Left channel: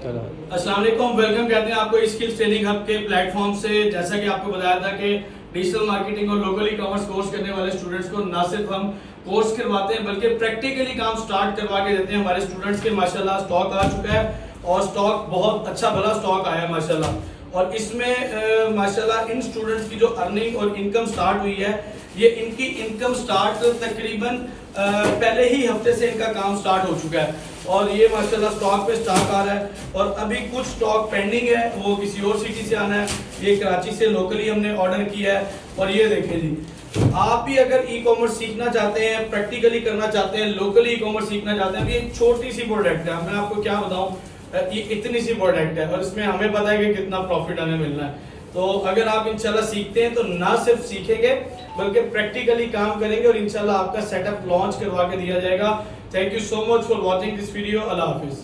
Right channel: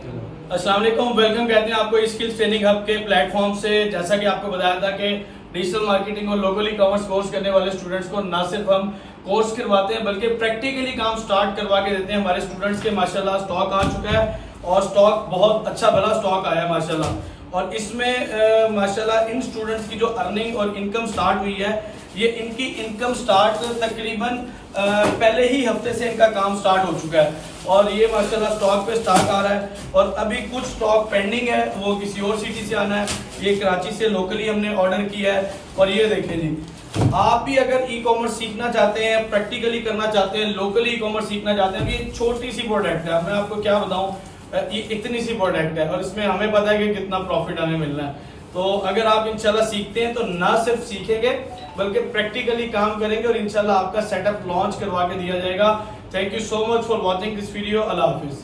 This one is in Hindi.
अस्सलाम वालेकुम, वेलकम कहते हैं आपको स्किल्स ट्रेनिंग हब के प्लेटफॉर्म से। जैसा कि आपको बताया था कि डिजिटल मार्केटिंग और लोकल ई कॉमर्स कोर्स करने वाले स्टूडेंट्स को ना सिर्फ हम कोर्स करवाते हैं बल्कि प्रैक्टिकली काम स्टार्ट करवा के देते हैं। हमारे स्टूडेंट्स के माशाल्लाह स्टॉक आ चुका है और स्टॉक बहुत अच्छा भला स्टॉक आया है माशाल्लाह। और इसमें माशाल्लाह इन स्टूडेंट्स की जो अर्निंग और इनकम स्टार्ट हुई है, ये इनकी इनकम स्टार्ट तकरीबन पहले ही हफ्ते से इनका काम स्टार्ट हो चुका है और ये माशाल्लाह स्टॉक पे स्टार्ट आ रहा है। और अभी कुछ स्टॉक पेंडिंग है, वो किसी और सिटी से आना है। ये कराची से लोकली हमने ऑर्डर किया है। और ये देखिए जी, आप भी अगर ई कॉमर्स सीखना चाहते हैं, प्रैक्टिकली करना चाहते हैं, लोकली ई कॉमर्स सीखना चाहते हैं, ये छोटी सी प्रोडक्ट है, मैं आपको क्या बताऊं, ये इतनी सी प्रोडक्ट है और इसमें हमें पता है कि कितना प्रॉफिट हमें मिलना है। तो अगर आप इंशाल्लाह सीखते हैं तो ना सिर्फ सीखेंगे बल्कि प्रैक्टिकली काम करेंगे और इंशाल्लाह आपका सेटअप लॉन्च करवा के दिया जाएगा। Thank you so much for watching this video. Allah Hafiz.